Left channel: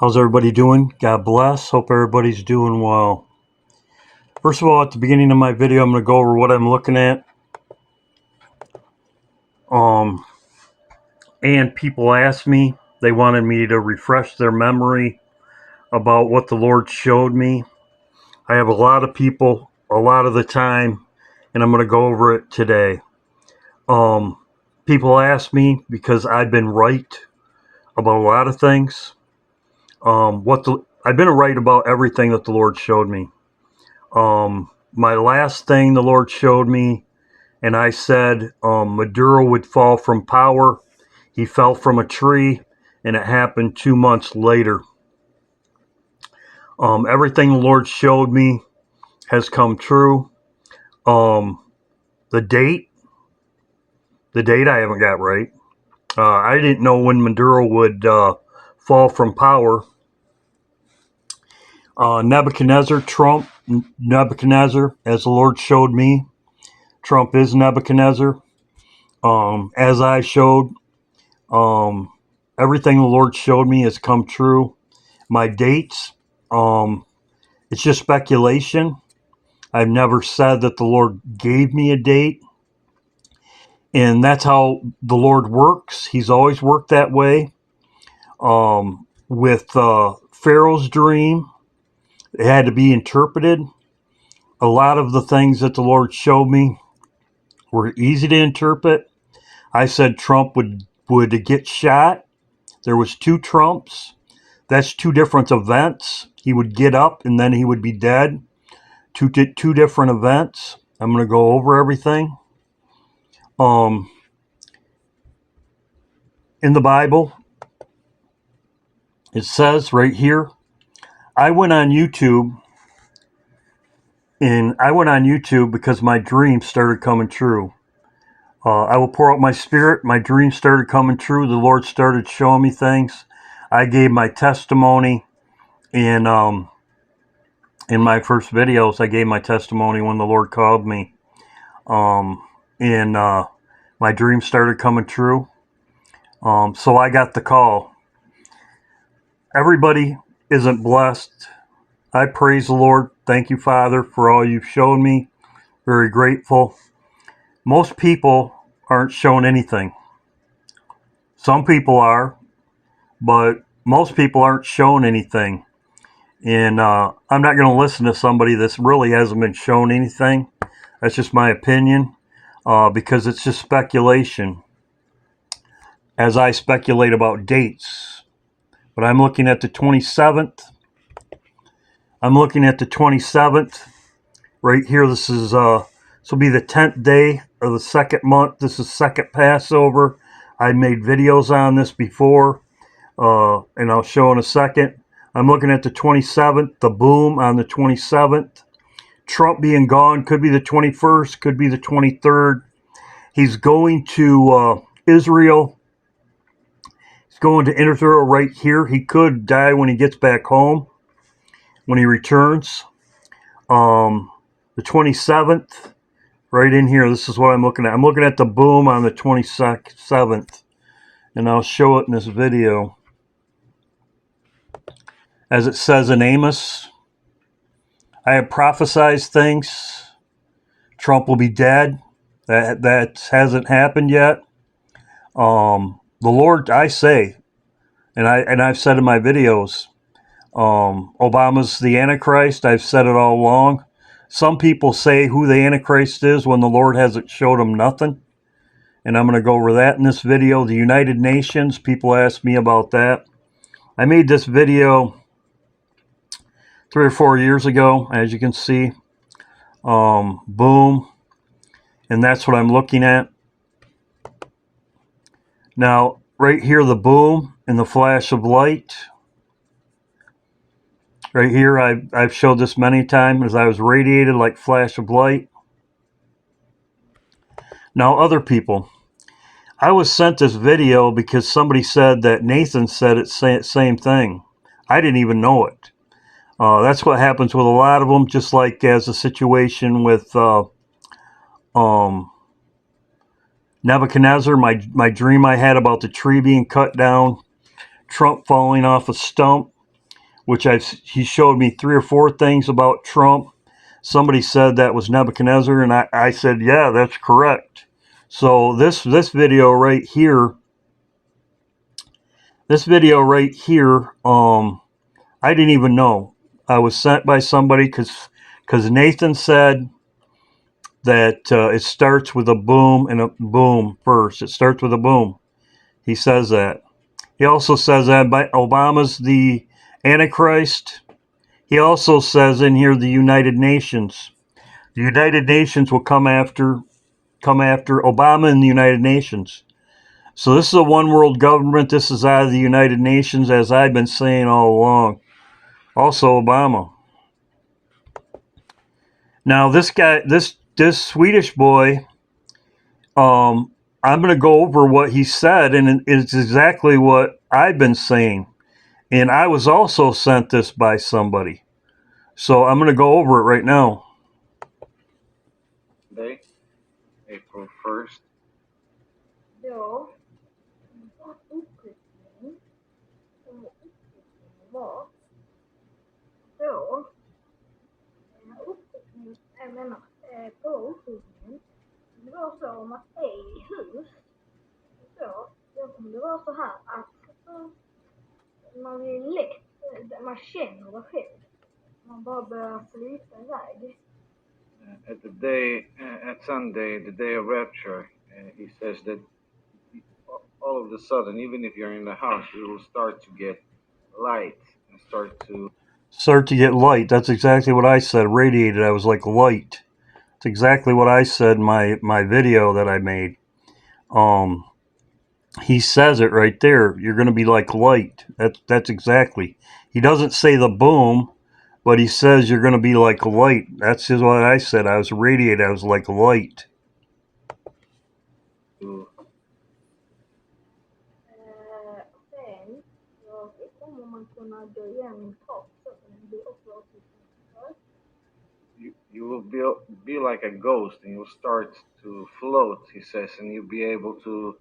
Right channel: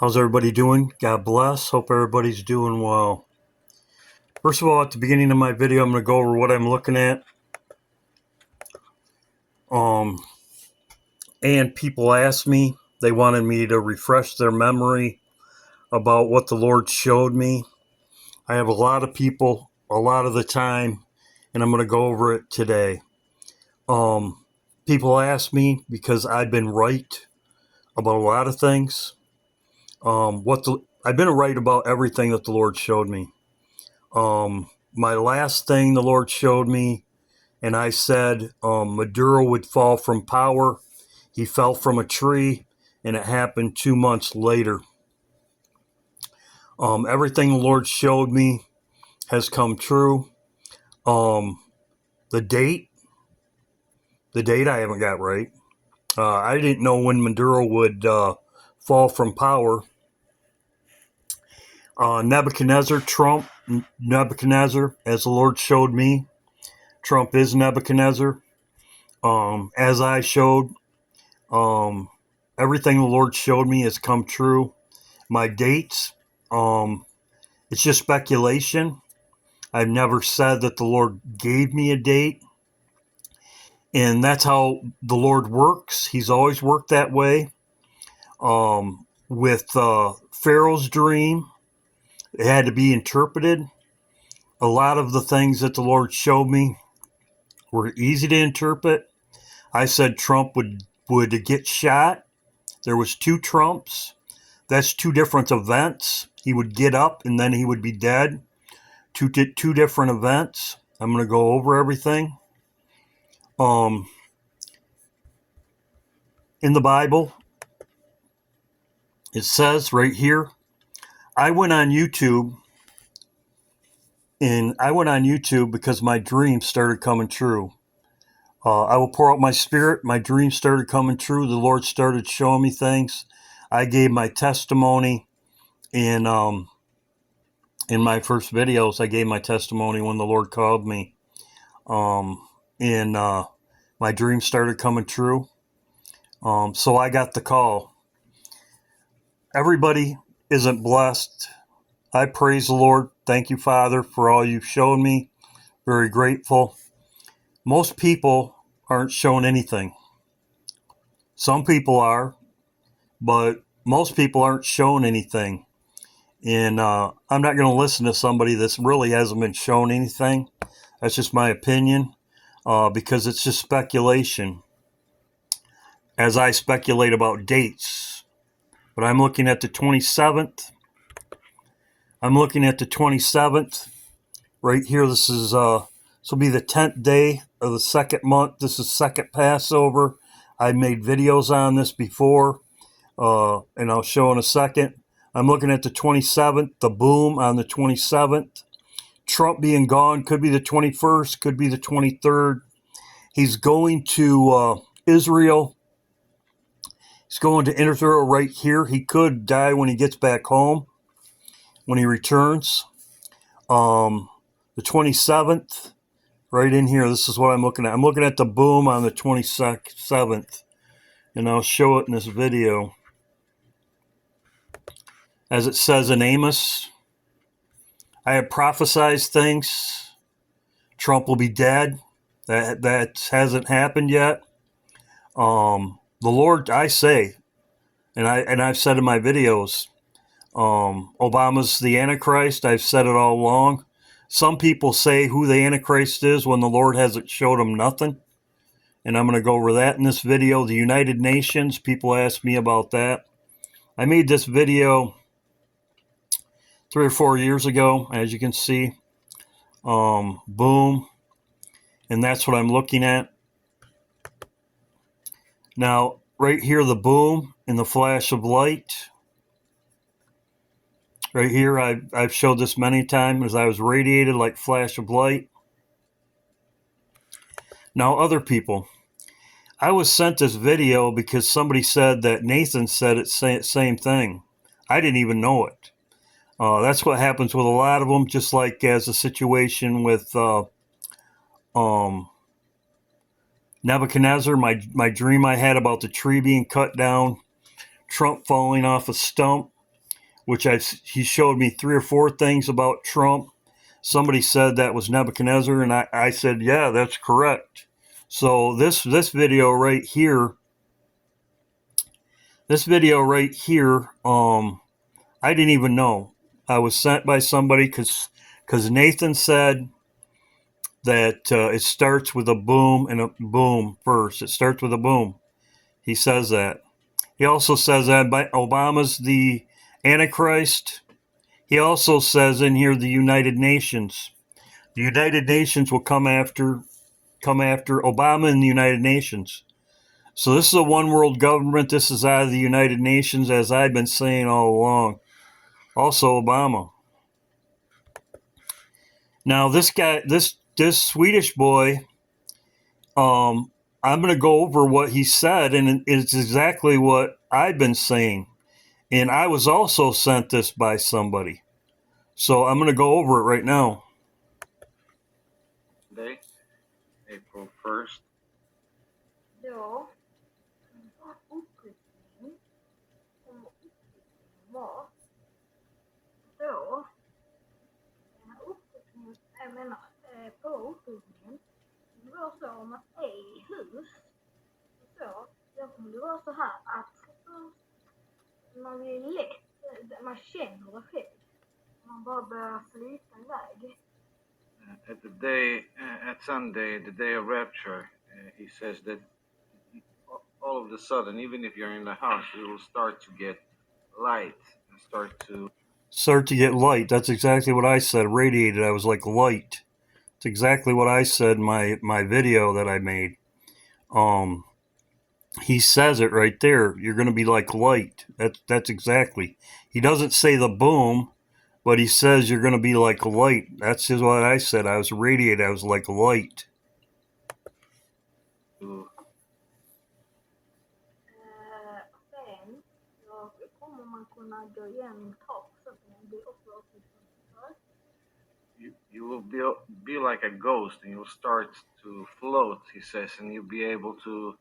How's everybody doing? God bless. Hope everybody's doing well. First of all, at the beginning of my video, I'm going to go over what I'm looking at. And people asked me, they wanted me to refresh their memory about what the Lord showed me. I have a lot of people, a lot of the time, and I'm going to go over it today. People ask me because I've been right about a lot of things. I've been right about everything that the Lord showed me. My last thing the Lord showed me, and I said Maduro would fall from power. He fell from a tree, and it happened 2 months later. Everything the Lord showed me has come true. The date I haven't got right. I didn't know when Maduro would fall from power. Nebuchadnezzar, as the Lord showed me, Trump is Nebuchadnezzar. As I showed, everything the Lord showed me has come true. My dates, it's just speculation. I've never said that the Lord gave me a date. And that's how the Lord works. He's always worked that way. With Pharaoh's dream, it had to be interpreted. A lot of the things that the Lord showed me were easy to interpret. I said Trump would get shot. There was 2 Trumps. That's 2 different events. He would get up and then he would be dead. Two different events. I'm going to go over everything. In the Bible, it says right here, I went on YouTube because my dreams started coming true. I will pour out my spirit. My dreams started coming true. The Lord started showing me things. I gave my testimony in my first videos. I gave my testimony when the Lord called me. And my dreams started coming true. So I got the call. Everybody isn't blessed. I praise the Lord. Thank you, Father, for all you've shown me. Very grateful. Most people aren't shown anything. Some people are, but most people aren't shown anything. And I'm not going to listen to somebody that really hasn't been shown anything. That's just my opinion, because it's just speculation. As I speculate about dates. But I'm looking at the 27th. Right here, this will be the 10th day of the second month. This is second Passover. I made videos on this before, and I'll show in a second. I'm looking at the 27th, the boom on the 27th. Trump being gone, could be the 21st, could be the 23rd. He's going to Israel. He's going to Israel right here. He could die when he gets back home, when he returns. The 27th, right in here, this is what I'm looking at. I'm looking at the boom on the 27th, and I'll show it in this video. As it says in Amos, I have prophesied things. Trump will be dead. That hasn't happened yet. The Lord, I say, and I've said in my videos, Obama's the Antichrist. I've said it all along. Some people say who the Antichrist is when the Lord hasn't showed them nothing. And I'm going to go over that in this video. The United Nations, people ask me about that. I made this video 3 or 4 years ago, as you can see. Boom. And that's what I'm looking at. Now, right here, the boom and the flash of light. Right here, I've showed this many times as I was radiated like flash of light. Now, other people. I was sent this video because somebody said that Nathan said it same thing. I didn't even know it. That's what happens with a lot of them, just like as a situation with Nebuchadnezzar, my dream I had about the tree being cut down, Trump falling off a stump. which he showed me 3 or 4 things about Trump. Somebody said that was Nebuchadnezzar, and I said, yeah, that's correct. So this video right here, I didn't even know. I was sent by somebody because Nathan said that it starts with a boom and a boom first. It starts with a boom. He says that. He also says that Obama's the Antichrist. He also says in here the United Nations. The United Nations will come after Obama and the United Nations. So this is a one world government. This is out of the United Nations, as I've been saying all along. Also Obama. Now this guy, this Swedish boy, I'm going to go over what he said, and it's exactly what I've been saying. And I was also sent this by somebody. So I'm going to go over it right now. Day, April 1st. Ja, uppryckning var då, uppryckningen, jag menar på uppryckningen, det var så om att i hus, så, då kommer det vara så här att man blir lätt, man känner det själv, man bara börjar flyta iväg. At Sunday, the day of rapture, he says that all of a sudden, even if you're in the house, you will start to get light and start to get light. That's exactly what I said. Radiated. I was like light. It's exactly what I said in my video that I made. He says it right there. You're going to be like light. That's exactly. He doesn't say the boom, but he says you're going to be like light. That's just what I said. I was radiated. I was like light. Sen så kommer man kunna gå igenom tak så att den blir uppåt. You will be like a ghost, and you'll start to float, he says, and you'll be able to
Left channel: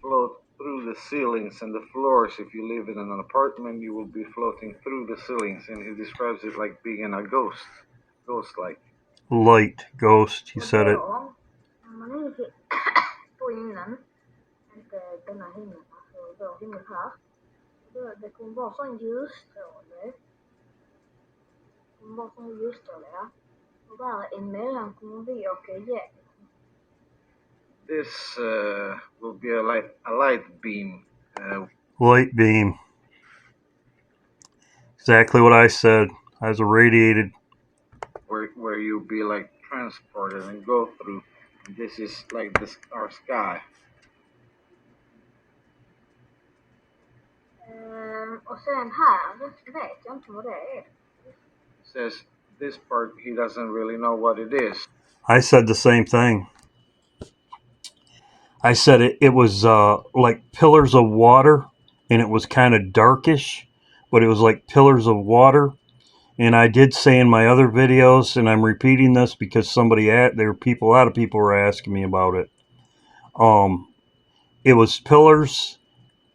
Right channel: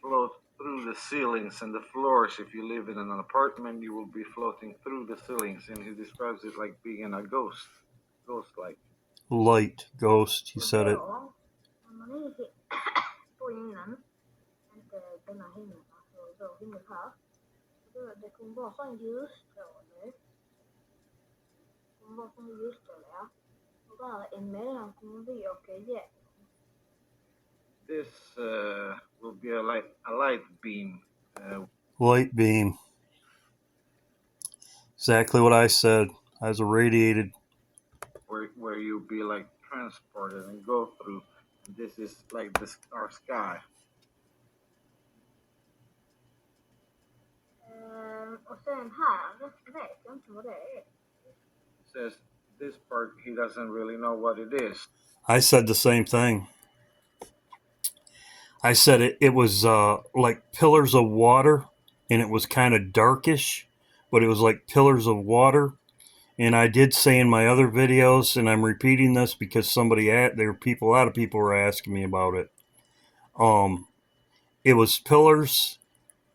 float through the ceilings and the floors. If you live in an apartment, you will be floating through the ceilings, and he describes it like being a ghost-like. Light, ghost, he said it. Man är på himlen, inte denna himlen, alltså vår himmel här. Det kommer vara sån ljusstråle. Det kommer vara sån ljusstråle, ja. Och där emellan kommer vi åka igenom. This will be a light beam. Light beam. Exactly what I said. I was irradiated. Where you'll be like transported and go through. This is like our sky. Och sen här vet jag inte vad det är. Says this part he doesn't really know what it is. I said the same thing. I said it was like pillars of water, and it was kind of darkish, but it was like pillars of water. And I did say in my other videos, and I'm repeating this because a lot of people were asking me about it. It was pillars,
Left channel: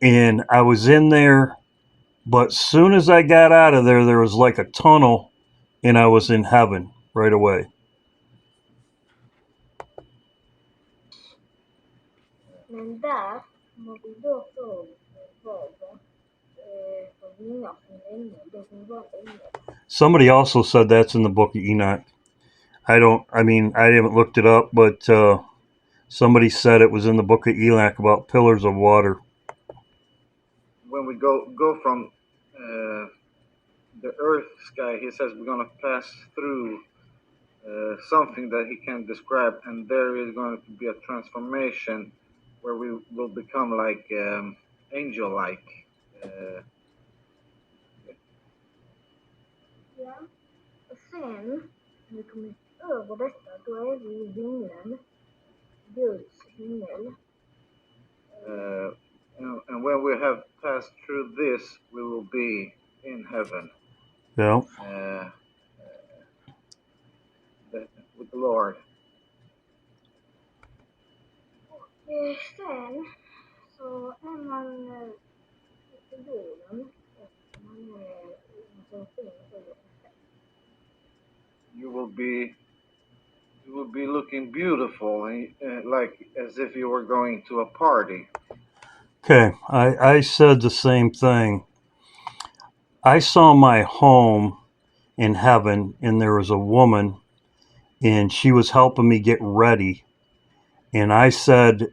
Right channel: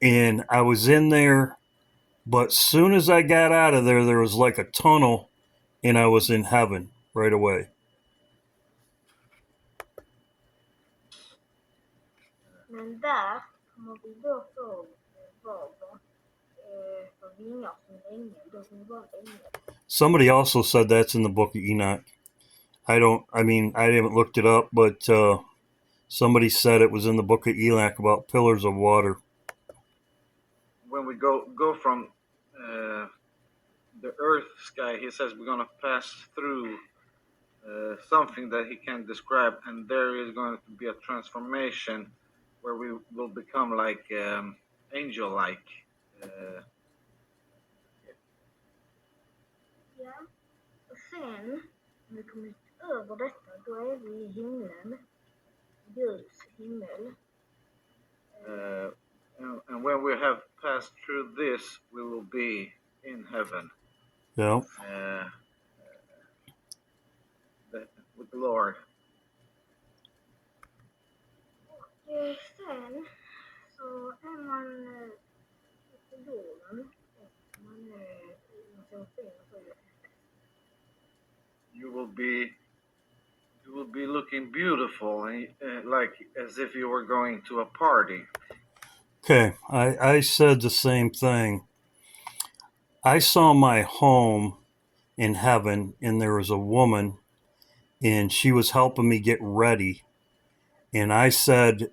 and I was in there, but soon as I got out of there, there was like a tunnel, and I was in heaven right away. Men där kommer vi då få vingar som ängel. Det kommer vara ängel. Somebody also said that's in the book of Enoch. I haven't looked it up, but somebody said it was in the book of Enoch about pillars of water. When we go from the earth sky, he says we're going to pass through something that he can't describe, and there is going to be a transformation where we will become like angel-like. Ja. Och sen, när vi kommer över detta, då är vi i himlen. Guds himmel. And when we have passed through this, we will be in heaven. Yeah. With the Lord. Och sen så är man på jorden och man är you will be looking beautiful, and like as if you were going to a party. Okay, I said the same thing. I saw my home in heaven, and there was a woman, and she was helping me get ready. And I said,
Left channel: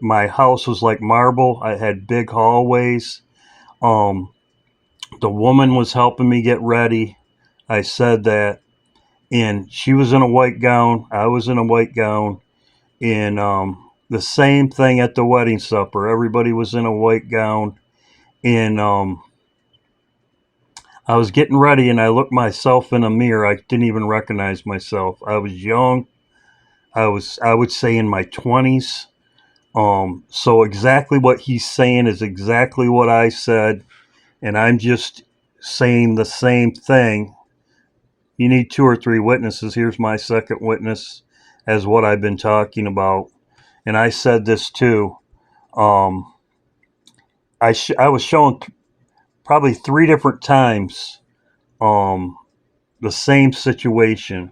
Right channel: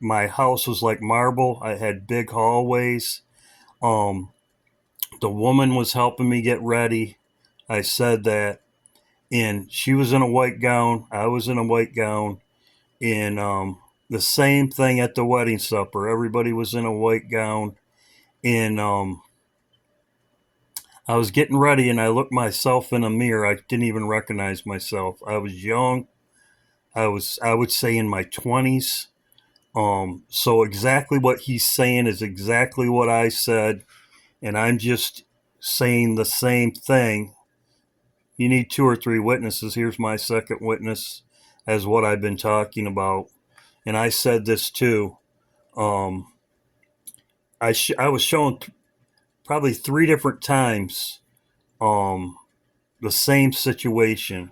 my house was like marble. I had big hallways. The woman was helping me get ready. I said that, and she was in a white gown. I was in a white gown, and the same thing at the wedding supper. Everybody was in a white gown, and I was getting ready, and I looked myself in a mirror. I didn't even recognize myself. I was young. I would say in my 20s. So exactly what he's saying is exactly what I said, and I'm just saying the same thing. You need 2 or 3 witnesses. Here's my second witness as what I've been talking about. And I said this too. I was shown probably 3 different times the same situation,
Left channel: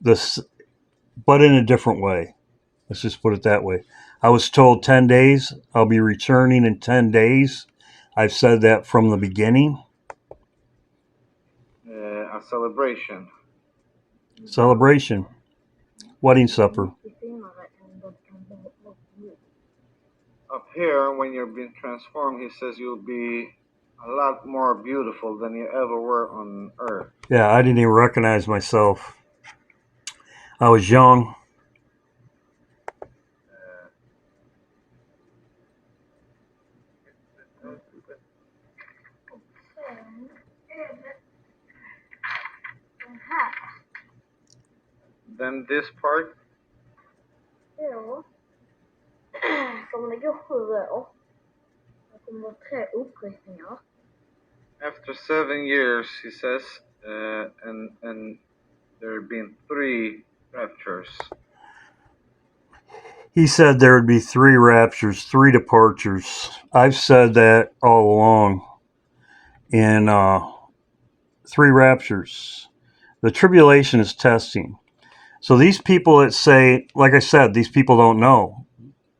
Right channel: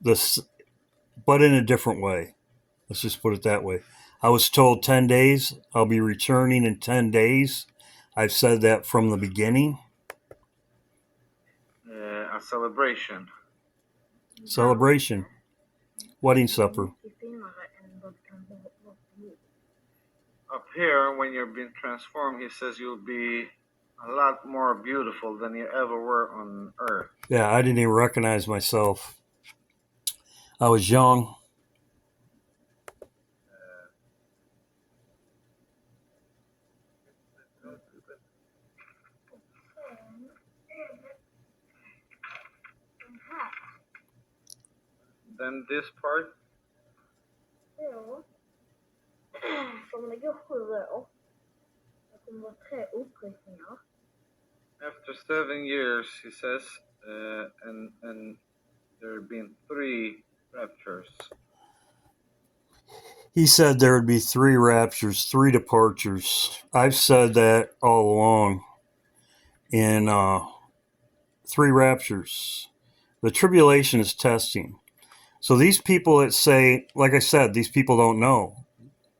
this, but in a different way. Let's just put it that way. I was told 10 days. I'll be returning in 10 days. I've said that from the beginning. A celebration. Celebration. Wedding supper. Up here, when you're being transformed, he says you'll be a lot more beautiful than you ever were on earth. Yeah, I didn't even recognize myself. I was young. Then this part. Ja. Kommer det gå 7 år? Det kommer vara 3 upprepningar. After 7 years, he says, and there have been 3 raptures. He said there would be 3 raptures, 3 departures. I've said that all along. In 3 raptures. The tribulation is testing. So these people that say, like I said, these people don't know.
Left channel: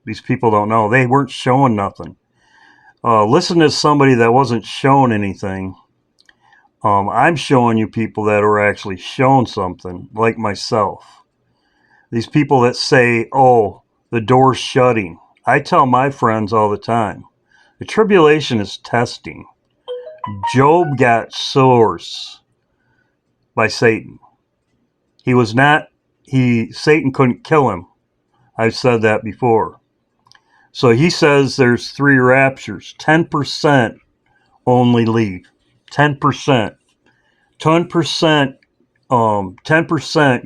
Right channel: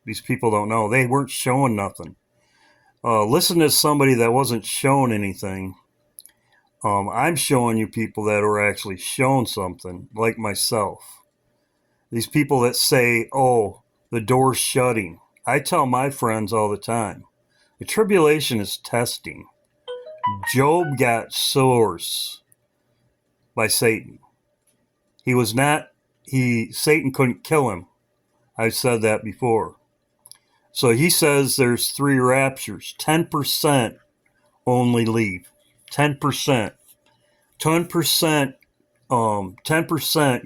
These people don't know. They weren't showing nothing. Listen to somebody that wasn't shown anything. I'm showing you people that are actually shown something, like myself. These people that say, oh, the door's shutting. I tell my friends all the time, the tribulation is testing. Job got sores by Satan. Satan couldn't kill him. I've said that before. So he says there's 3 raptures. 10% only leave. 10%. 10%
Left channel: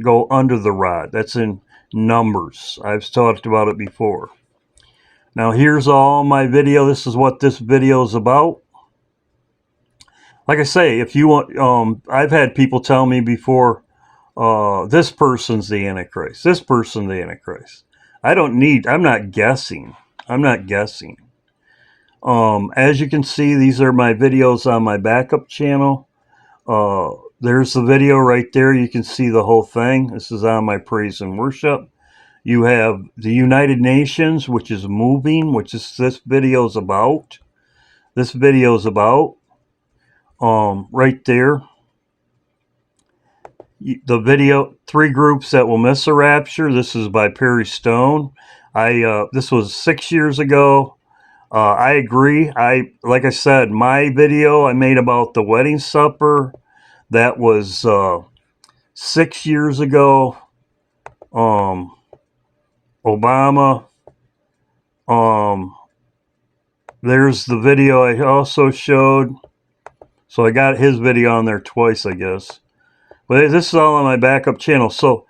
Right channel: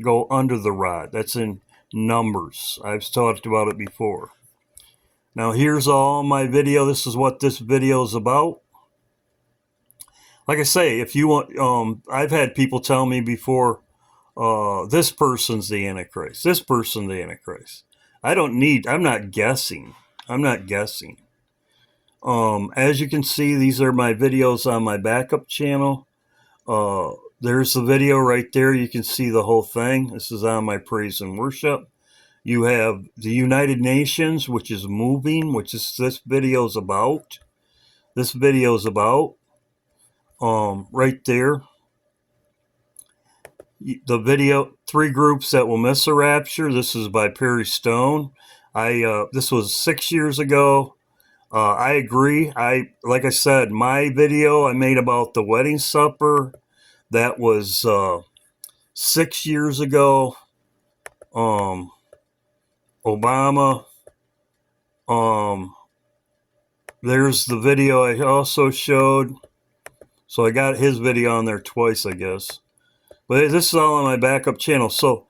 go under the rod. That's in Numbers. I've talked about it before. Now here's all my video. This is what this video is about. Like I say, if you want, I've had people tell me before, this person's the Antichrist. This person's the Antichrist. I'm not guessing. As you can see, these are my videos on my backup channel. There's the video right there. You can see the whole thing. This is on my praise and worship. You have the United Nations, which is moving, which is this video is about. Right there. The video, 3 groups that will miss the rapture. This is by Perry Stone. This was 6 years ago. I agree. Like I said, my video I made about the wedding supper, that was 6 years ago. Obama. There's the video I also showed. So I got his video on there twice, I guess. But this is all on my backup channel. So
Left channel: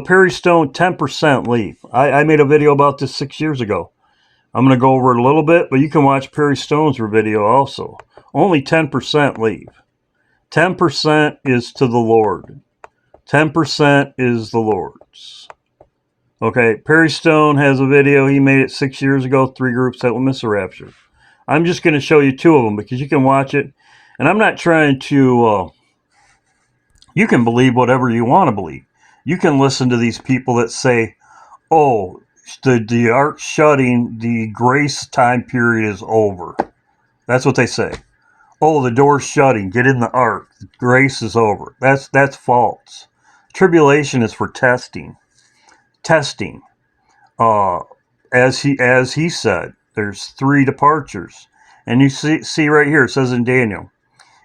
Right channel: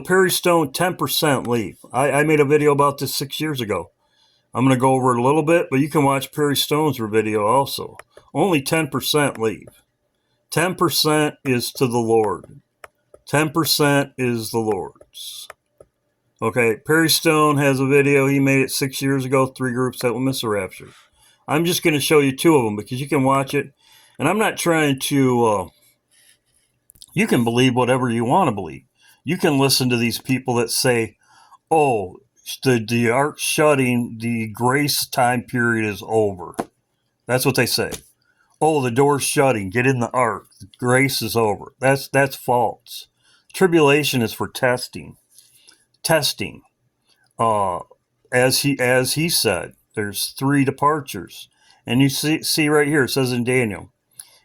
Perry Stone, 10% leave. I made a video about this 6 years ago. I'm going to go over it a little bit, but you can watch Perry Stone's video also. Only 10% leave. 10% is to the Lord. 10% is the Lord's. Okay, Perry Stone has a video. He made it 6 years ago, 3 groups that will miss the rapture. I'm just going to show you 2 of them because you can watch it. And I'm not trying to You can believe whatever you want to believe. You can listen to these people that say, oh, the ark shutting, the grace time period is over. That's what they say. Oh, the door's shutting. Get in the ark. Grace is over. That's false. Tribulation is for testing. Testing. As he said, there's 3 departures. And you see right here, it says in Daniel,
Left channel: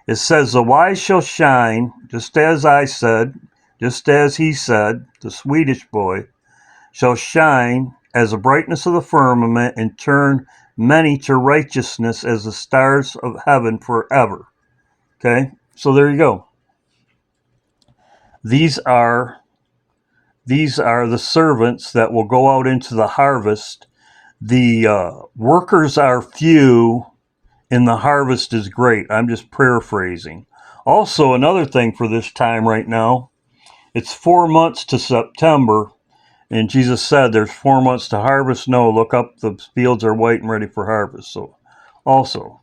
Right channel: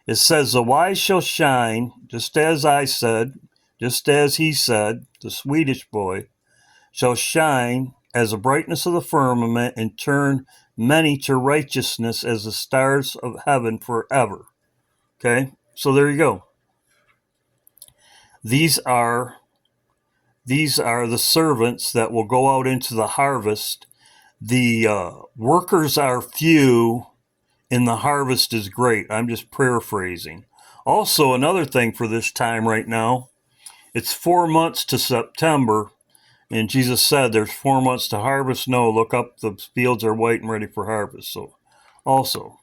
it says, the wise shall shine, just as I said, just as he said, the Swedish boy, shall shine as the brightness of the firmament and turn many to righteousness as the stars of heaven forever. Okay, so there you go. These are the servants that will go out into the harvest. The workers are few and the harvest is great. I'm just paraphrasing. Also, another thing for this time right now, it's 4 months to September, and Jesus said there's 4 months to harvest. No, look up, the fields are white and ready for harvest. So, also,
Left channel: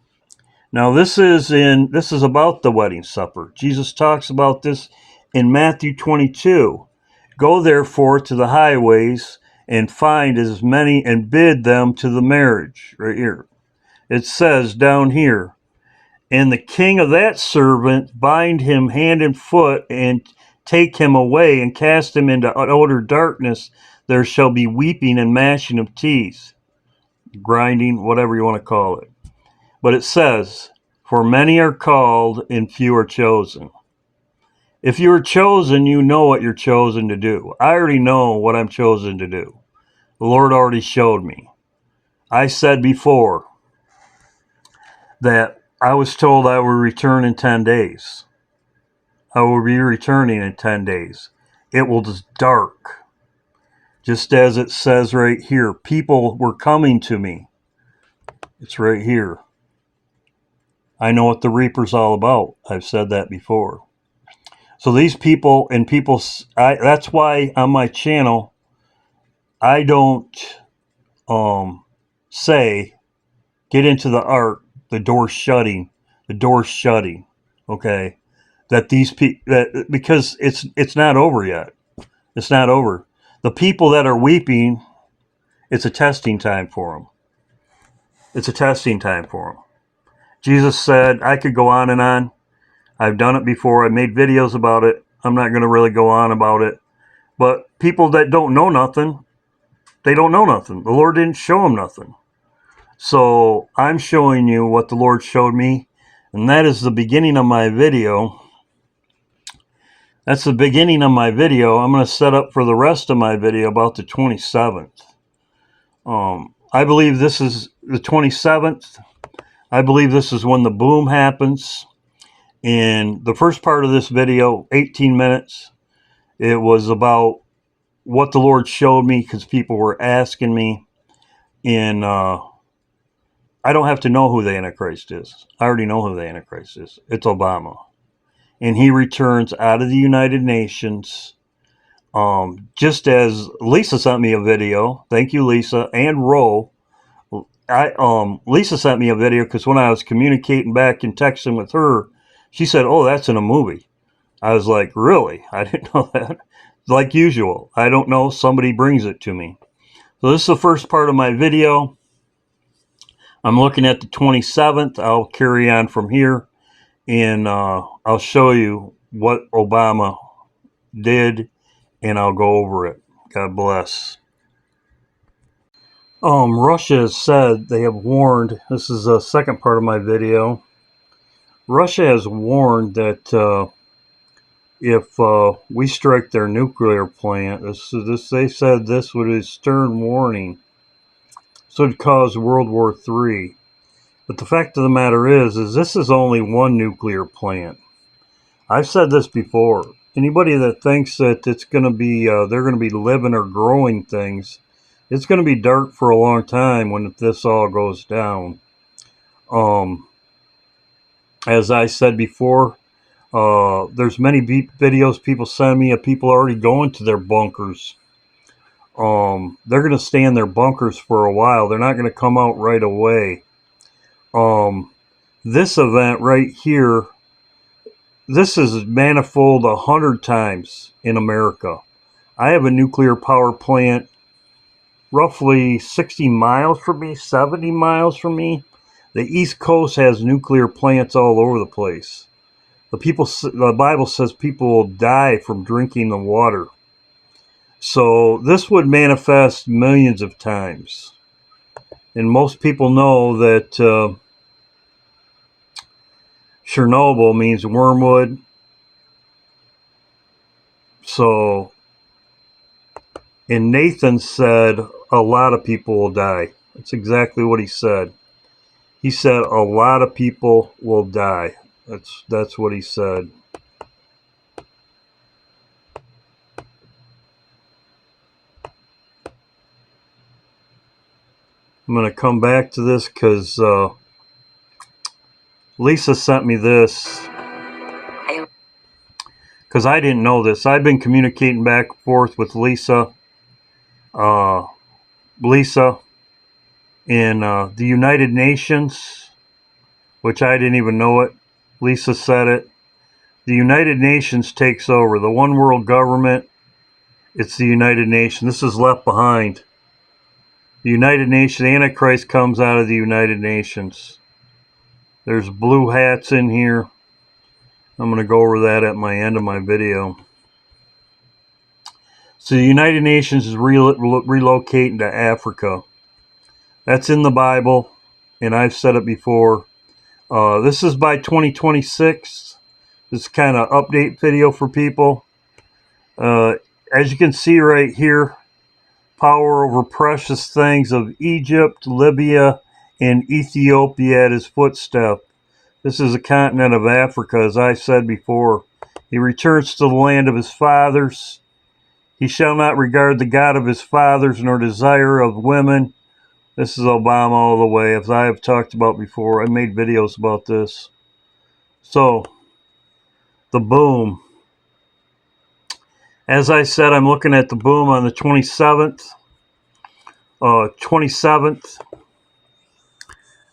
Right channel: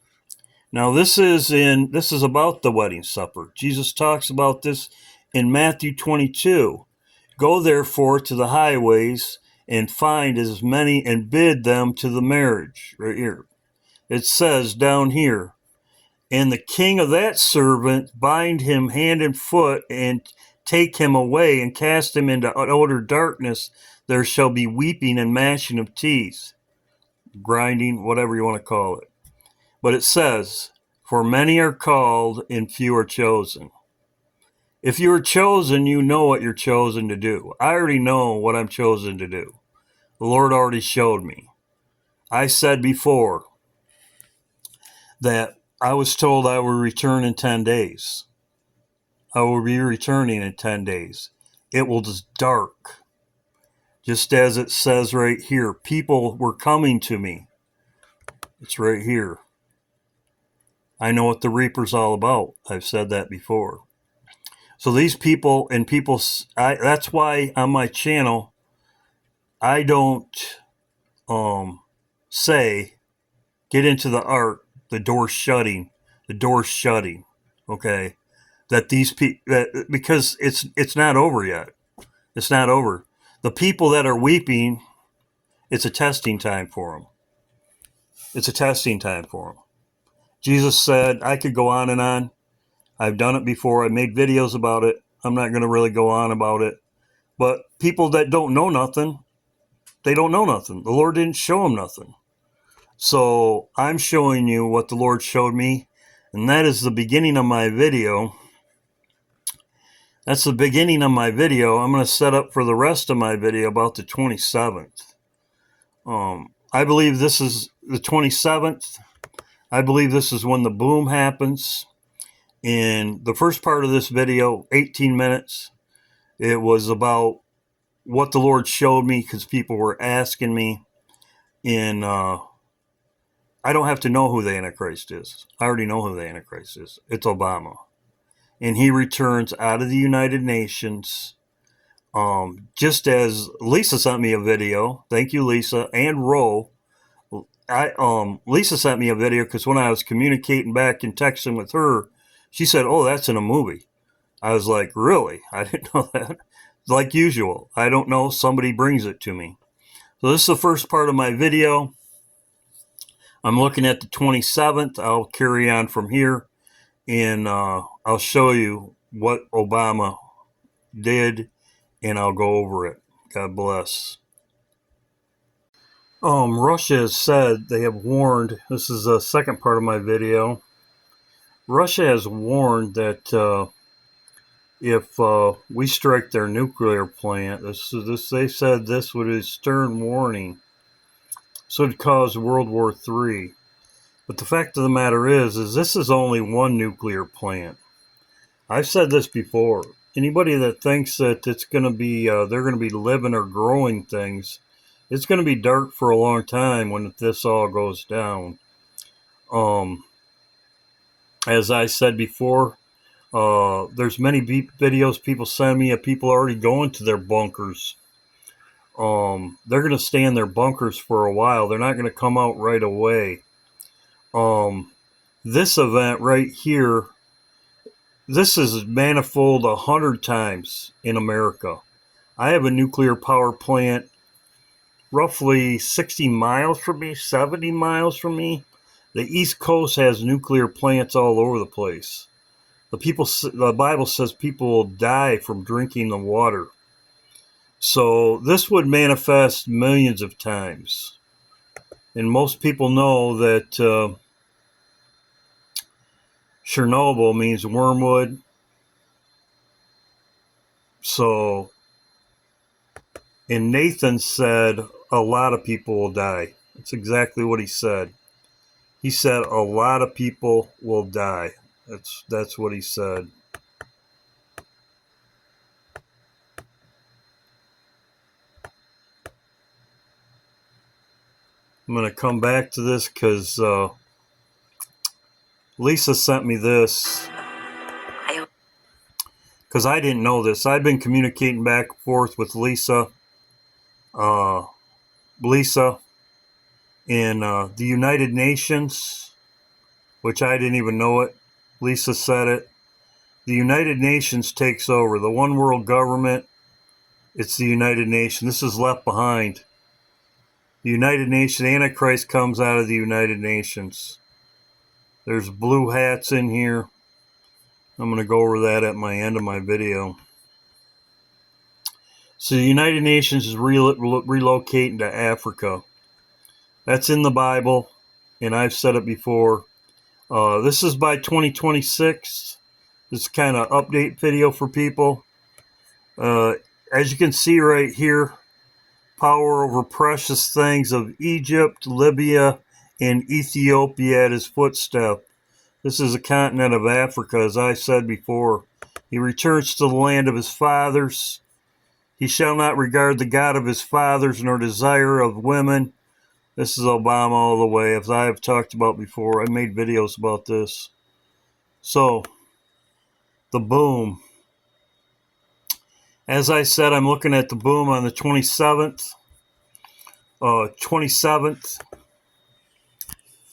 now this is about the wedding supper. Jesus talks about this in Matthew 22. Go therefore to the highways and find as many and bid them to the marriage. Right here. It says down here, and the king of that servant bind him hand and foot and take him away and cast him into utter darkness. There shall be weeping and gnashing of teeth, grinding, whatever you want to call it. But it says, for many are called and few are chosen. If you are chosen, you know what you're chosen to do. I already know what I'm chosen to do. The Lord already showed me. I said before that I was told I would return in 10 days. I will be returning in 10 days. It will be dark. Just as it says right here, people were coming to me. It's right here. I know what the reaper's all about. I've said that before. So these people and people, that's why on my channel, I don't say, get into the ark, the door's shutting, okay? That these people, because it's not over yet. It's not over. The people that are weeping, it's a testing time for them. It's a testing time for them. Jesus said, I could go on and on. I've done it before. I made videos about it. I'm not going to really go on about it. But people that don't know nothing, they don't know nothing. The Lord didn't show them nothing. So I'm showing you what the Lord showed me. And that is the beginning of my video. That's the beginning of my video. I'm going to set up for the rest of my video about the 27th. I believe this is the 27th. I believe this is when the boom happens. In the first part of this video, 18 minutes, it was about what the Lord showed me because people were asking me. And I don't have to know who the Antichrist is. I already know who the Antichrist is. It's Obama. And he returns out of the United Nations. Just as Lisa sent me a video. Thank you, Lisa. And Ro. Lisa sent me a video because when I was communicating back and texting with her, she said, oh, that's in a movie. I was like, really? I didn't know that. Like usual, I don't know. Somebody brings it to me. So this is the first part of my video. I'm looking at the 27th. I'll carry on from here. And I'll show you what Obama did. And I'll go over it. God bless. Russia has said, they have warned, this is the second part of my video. Russia has warned that if we strike their nuclear plant, they said this would be a stern warning. So it would cause World War III. But the fact of the matter is this is only one nuclear plant. I've said this before. Anybody that thinks that it's going to be, they're going to be living or growing things, it's going to be dark for a long time when this all goes down. As I said before, there's many videos people send me of people already going to their bunkers. They're going to stay in their bunkers for a while. They're not going to come out right away. This event right here, this is manifold 100 times in America. I have a nuclear power plant roughly 60 miles from me, 70 miles from me. The East Coast has nuclear plants all over the place. The Bible says people will die from drinking the water. So this would manifest millions of times. And most people know that Chernobyl means wormwood. So, and Nathan said a lot of people will die. That's exactly what he said. He said a lot of people will die. That's what he said. I'm going to come back to this because Lisa sent me this because I didn't know this. I've been communicating back and forth with Lisa in the United Nations, which I didn't even know it. Lisa said it. The United Nations takes over. The one world government, it's the United Nations. This is left behind. The United Nations, the Antichrist comes out of the United Nations. There's blue hats in here. I'm going to go over that at my end of my video. So the United Nations is relocating to Africa. That's in the Bible, and I've said it before. This is by 2026. This is kind of update video for people. As you can see right here, power over precious things of Egypt, Libya, and Ethiopia at his footstep. This is the continent of Africa, as I said before. He returns to the land of his fathers. He shall not regard the God of his fathers, nor desire of women. This is Obama all the way, as I have talked about before. I made videos about this. So, the boom. As I said, I'm looking at the boom on the 27th. 27th.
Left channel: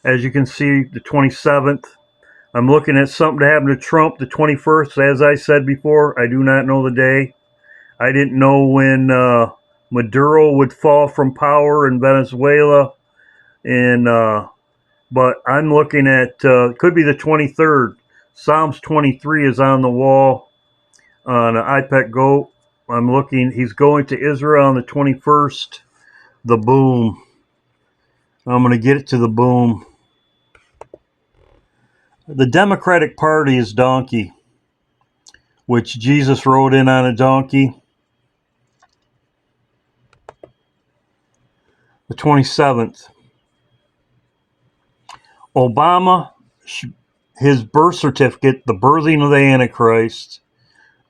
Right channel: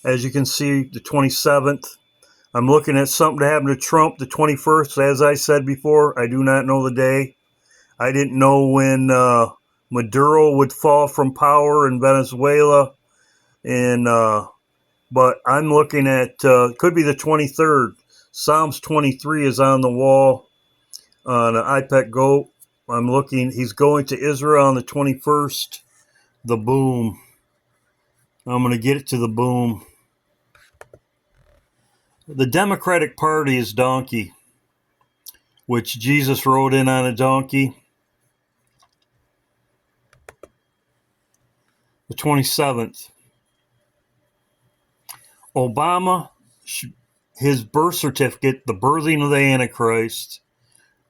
As you can see, the 27th. I'm looking at something to happen to Trump the 21st. As I said before, I do not know the day. I didn't know when Maduro would fall from power in Venezuela. And but I'm looking at, could be the 23rd. Psalms 23 is on the wall on an iPad Go. I'm looking, he's going to Israel on the 21st. The boom. I'm going to get it to the boom. The Democratic Party is donkey, which Jesus rode in on a donkey. The 27th. Obama, his birth certificate, the birthing of the Antichrist,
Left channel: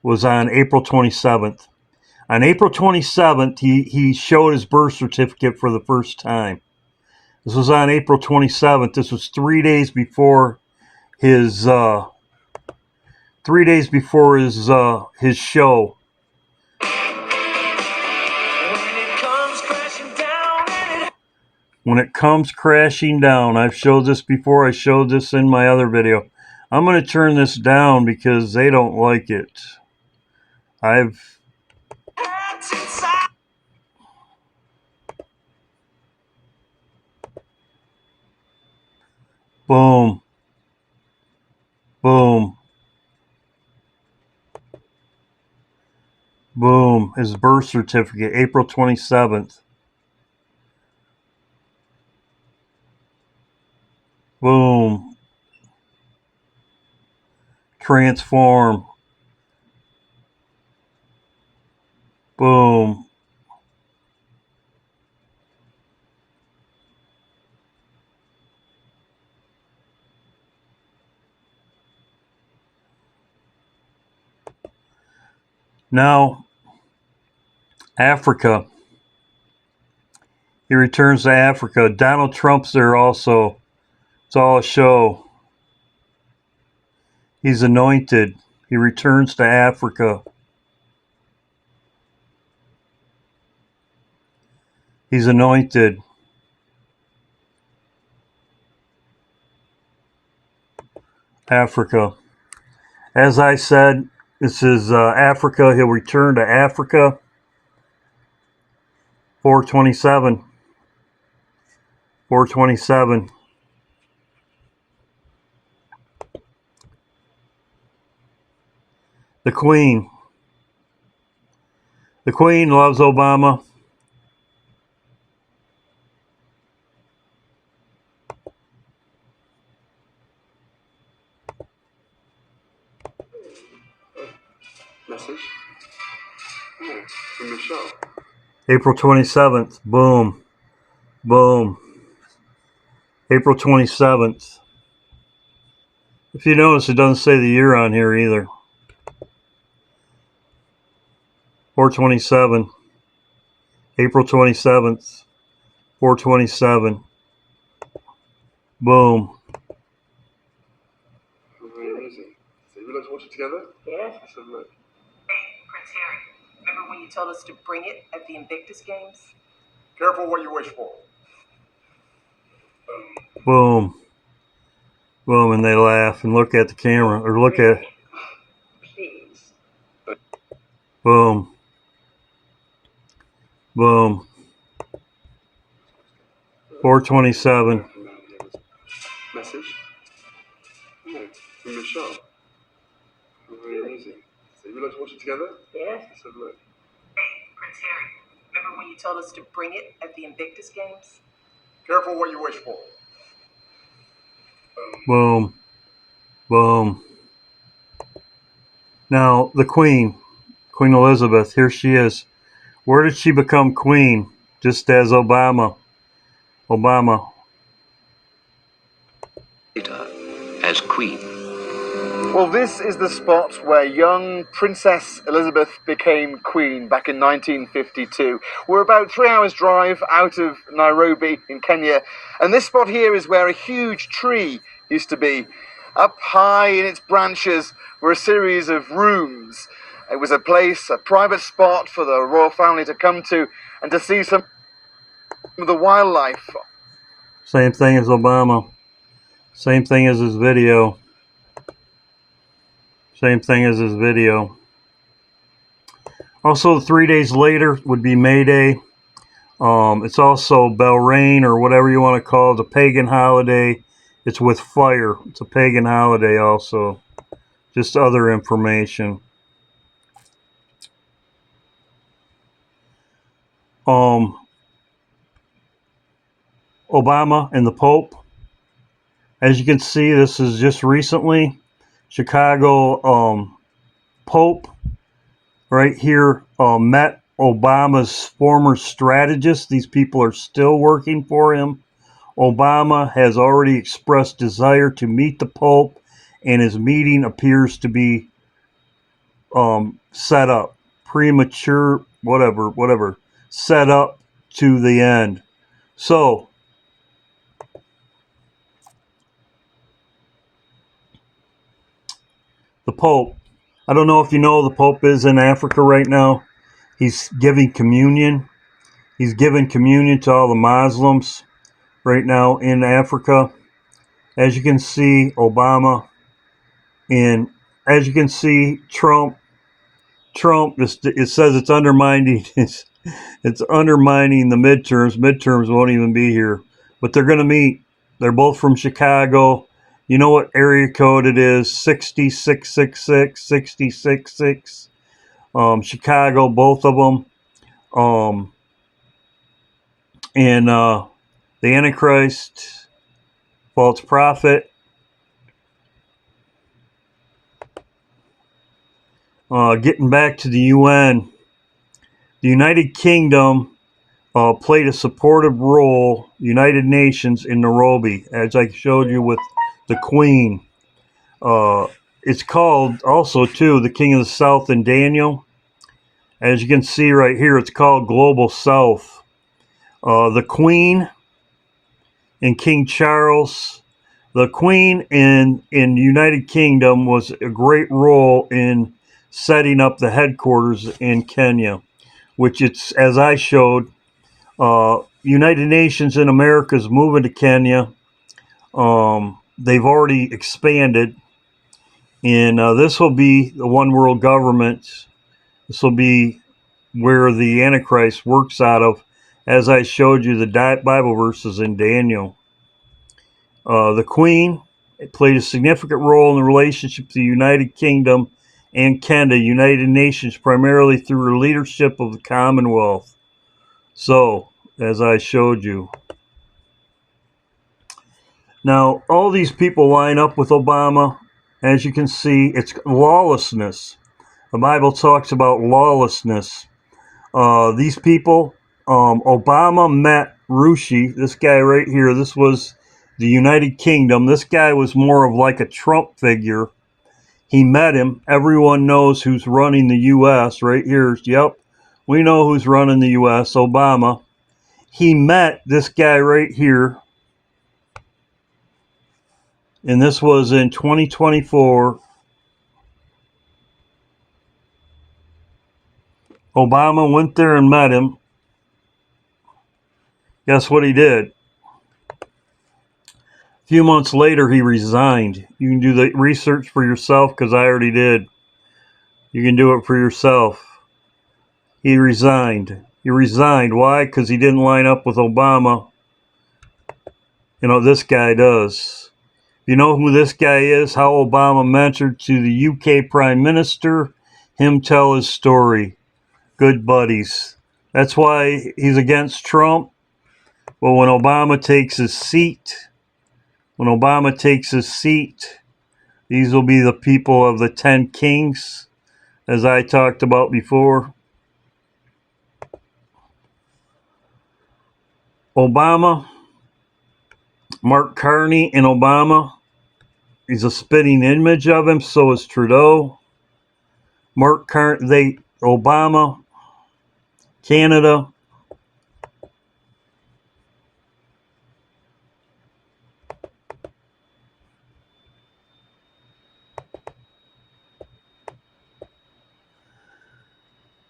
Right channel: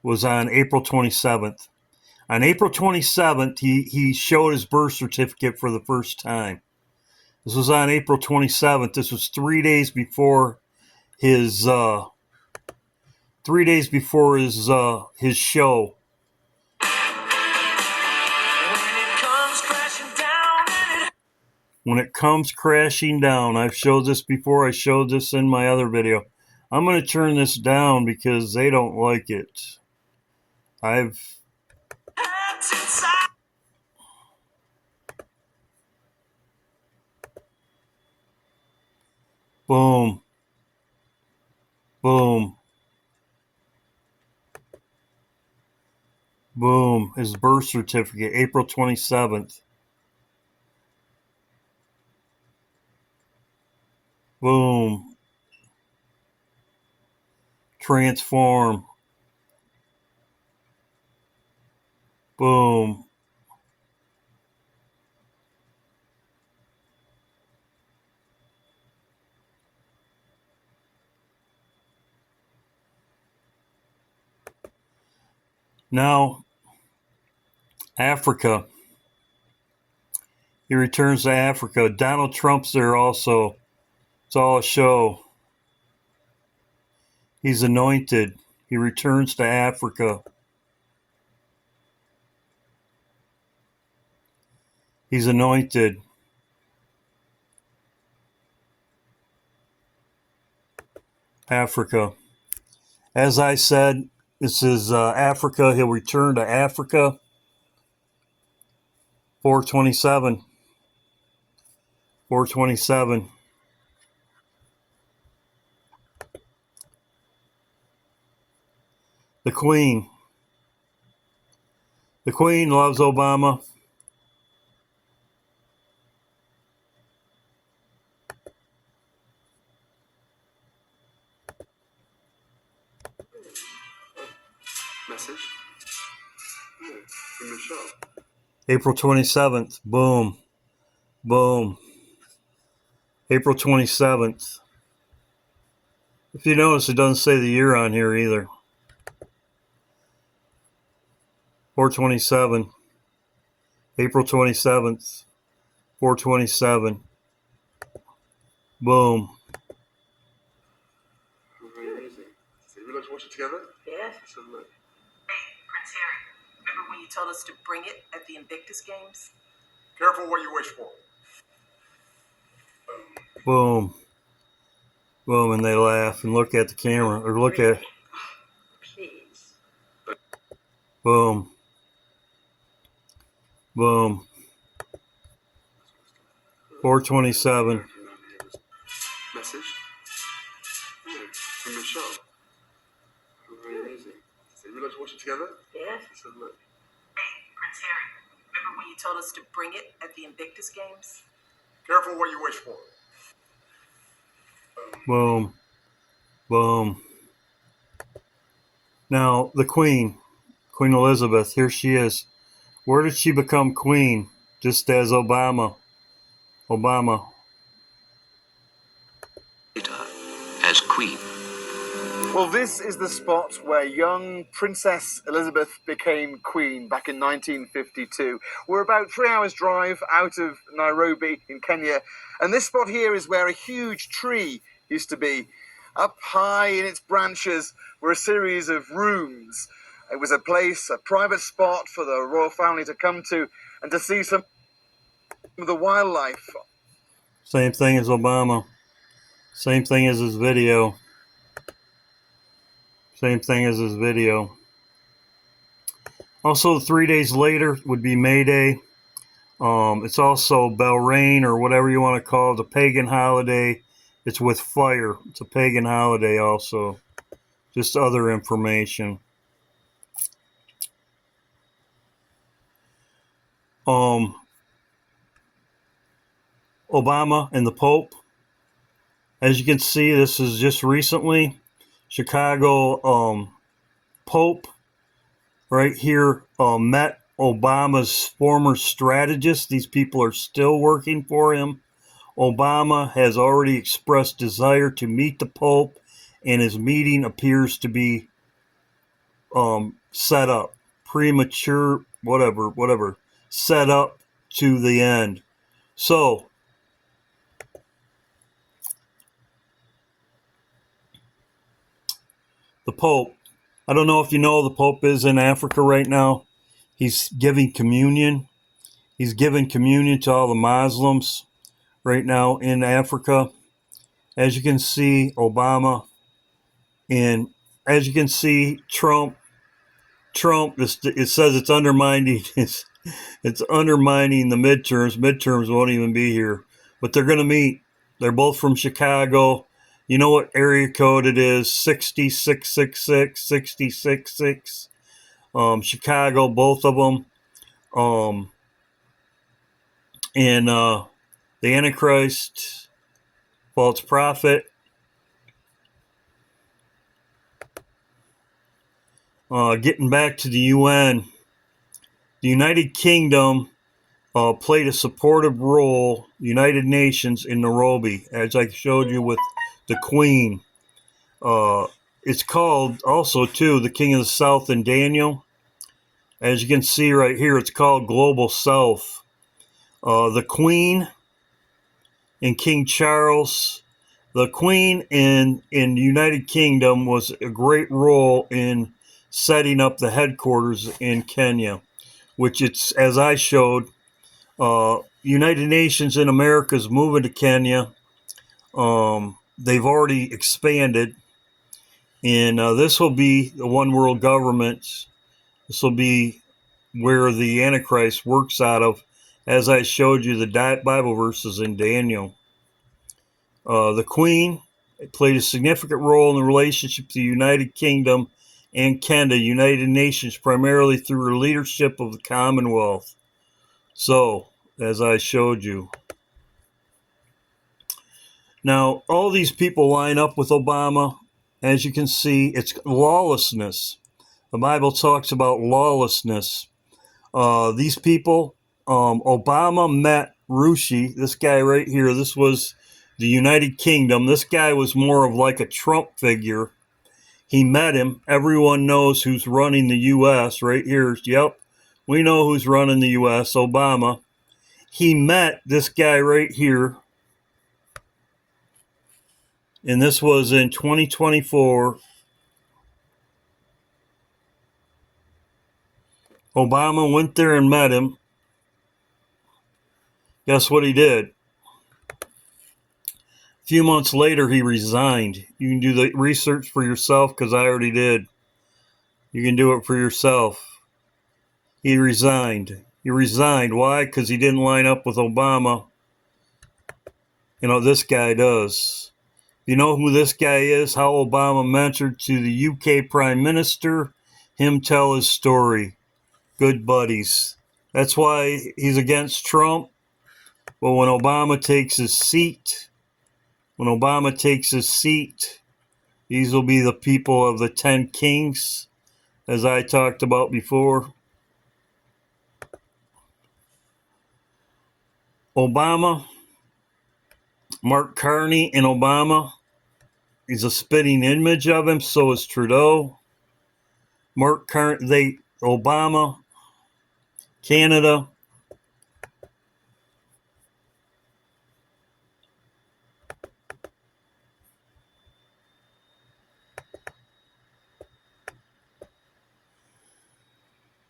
was on April 27th. On April 27th, he showed his birth certificate for the first time. This was on April 27th. This was 3 days before his show. When it comes crashing down, I've showed this before. I showed this in my other video. I'm going to turn this down because they don't like it. Boom. Boom. Boom. His birth certificate, April 27th. Boom. Transform. Boom. Now, Africa. He returns to Africa. Donald Trump's there also. It's all a show. He's anointed. He returns to Africa. He's anointed. Africa. As I said, this is Africa. He'll return to Africa. 427. 427. The Queen. The Queen loves Obama. Message. Oh, from Michelle. April 27th. Boom. Boom. April 27th. If you notice, it doesn't say the year on here either. 427. April 27th. 427. Boom. Where is it? So we like to watch it together? Yeah. Let's have a look. Hey, Prince Harry. Remember when you told us to bring it at the Invictus Games? Careful what you wish for. Boom. Boom. And they laugh and look at the camera. Or look at... Please. Boom. Boom. 427. Message. Oh, from Michelle. Where is it? So we like to watch it together? Yeah. Let's have a look. Hey, Prince Harry. Remember when you told us to bring it at the Invictus Games? Careful what you wish for. Boom. Boom. Now, the Queen, Queen Elizabeth, here she is. Where did she become queen? Just as Obama. Obama. As queen. Well, this is the spot where young Princess Elizabeth became queen back in 1952. We're about 3 hours drive out of Nairobi in Kenya, and this spot here is where a huge tree used to be. Up high in its branches were a series of rooms. It was a place, a private spot for the royal family to come to and to see some of the wildlife. Same thing as Obama. Same thing as his video. Same thing as his video. Also, 3 days later would be May Day. It's also Belrain, or whatever you want to call it, a pagan holiday. It's with fire. It's a pagan holiday also. Just other information. Obama and the Pope. As you can see, this is just recently. Chicago Pope right here met Obama's former strategist. These people are still working for him. Obama has already expressed desire to meet the Pope, and his meeting appears to be set up. Premature, whatever. Set up to the end. So, the Pope. I don't know if you know, the Pope is in Africa right now. He's giving communion. He's giving communion to all the Muslims right now in Africa. As you can see, Obama, and as you can see, Trump, it says it's undermining, it's undermining the midterms. Midterms won't even be here, but they're going to meet. They're both from Chicago. You know what area code it is? 60666, 666. Chicago, both of them. And the Antichrist, false prophet. Getting back to the UN, the United Kingdom played a supportive role, United Nations, in Nairobi, as I showed you with the Queen. It's called also, too, the King of the South in Daniel. As you can see right here, it's called Global South. The Queen and King Charles. The Queen in the United Kingdom was a great role in setting up the headquarters in Kenya, which it's, as I showed, United Nations in America is moving to Kenya. They've already expanded, And this will be the one world government. This will be where the Antichrist works out of, as I showed you the Bible verses in Daniel. The Queen played a significant role in the relationship to the United Kingdom and Canada, United Nations, primarily through her leadership of the Commonwealth. So, as I showed you. Now, all these people line up with Obama. As you can see, it's lawlessness. The Bible talks about lawlessness. These people, Obama met Rushi, this guy right here. This was the United Kingdom. This guy was more of like a Trump figure. He met him. Everyone knows who's running the U.S. right here. Yep, we know who's running the U.S., Obama. He met this guy right here. And this was in 2024. Obama went there and met him. Guess what he did? A few months later, he resigned. You can do the research for yourself because I already did. You can do it for yourself. He resigned. He resigned. Why? Because he didn't line up with Obama. You know, this guy does. You know who this guy is? How Obama mentored to the UK Prime Minister. Him tell his story. Good buddies. That's why he's against Trump. But when Obama takes his seat, these will be the people of the 10 kings, as I talked about before. Obama, Mark Carney and Obama, he's a spitting image of him, so is Trudeau. Obama, Canada.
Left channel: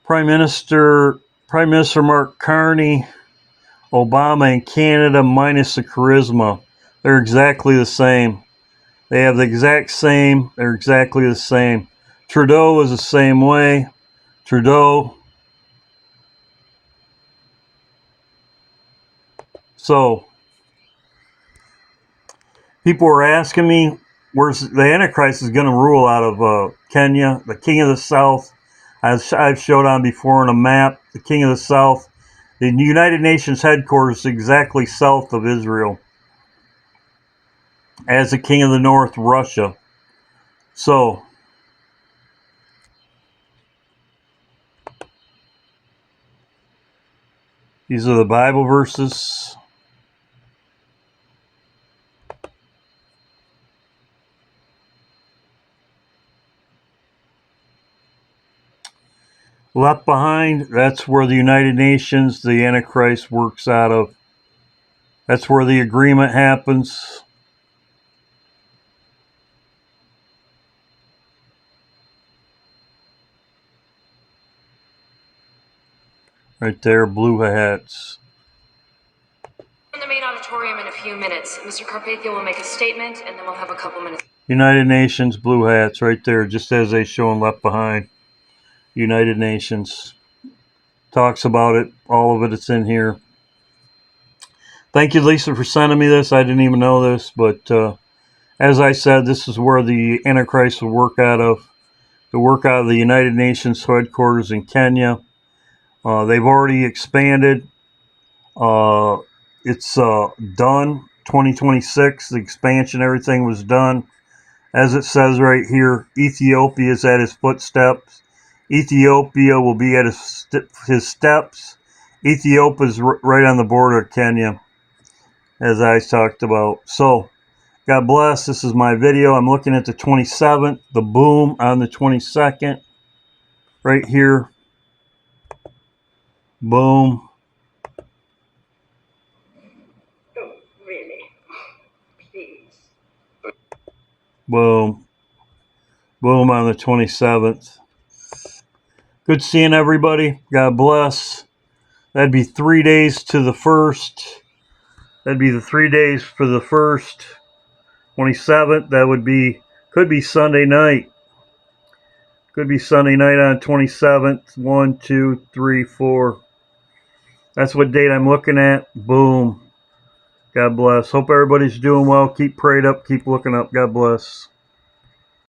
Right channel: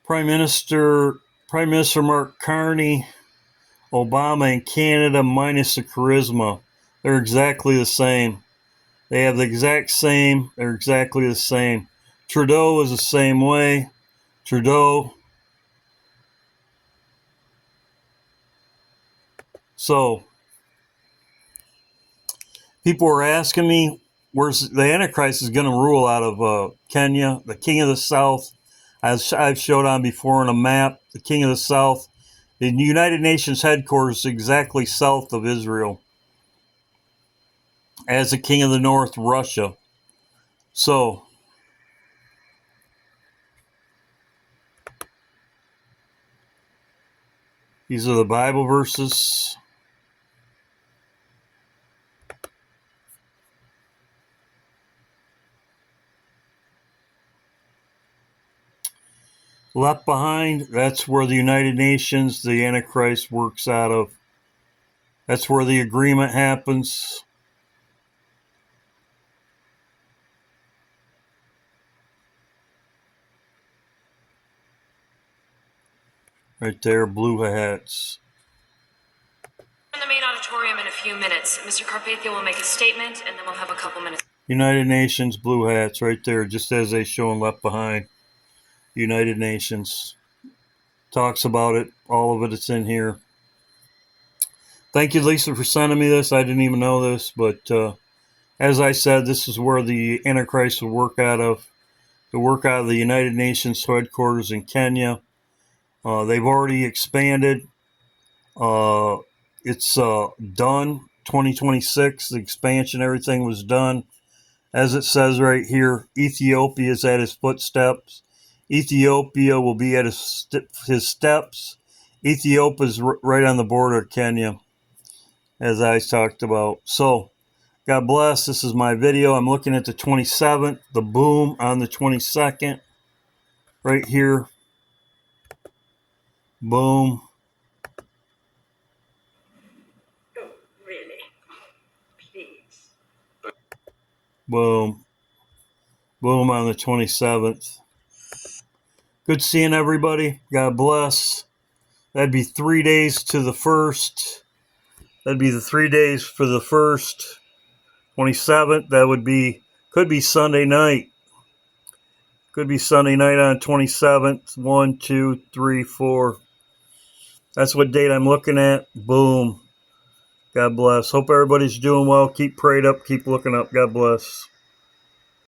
Prime Minister Mark Carney, Obama and Canada minus the charisma. They're exactly the same. They have the exact same. They're exactly the same. Trudeau is the same way. Trudeau. So, people were asking me, where's the Antichrist is going to rule out of Kenya, the King of the South. As I've showed on before on a map, the King of the South. The United Nations headquarters is exactly south of Israel. As the King of the North, Russia. So, these are the Bible verses. Left behind, that's where the United Nations, the Antichrist works out of. That's where the agreement happens. Right there, blue hats. In the main auditorium in a few minutes. Mr. Carpathia will make a statement, and then we'll have a couple minutes. United Nations, blue hats, right there, just as they show in Left Behind. United Nations. Talks about it, all of it, it's in here. Thank you, Lisa, for sending me this. I didn't even know this, but as I said, this is where the Antichrist will work out of. To work out of the United Nations headquarters in Kenya. They've already expanded. It's done. 2026, the expansion, everything was done. As it says right here, Ethiopia is at his footsteps. Ethiopia will be at his steps. Ethiopia is right on the border of Kenya, as I talked about. So, God bless. This is my video. I'm looking at the 27th, the boom on the 22nd, right here. Boom. Oh, really? Please. Boom. Boom on the 27th. Good seeing everybody. God bless. That'd be 3 days to the first. That'd be the 3 days for the first. 27th, that would be Could be Sunday night. Could be Sunday night on 27th. 1, 2, 3, 4. That's what date I'm looking at. Boom. God bless. Hope everybody's doing well. Keep prayed up. Keep looking up. God bless.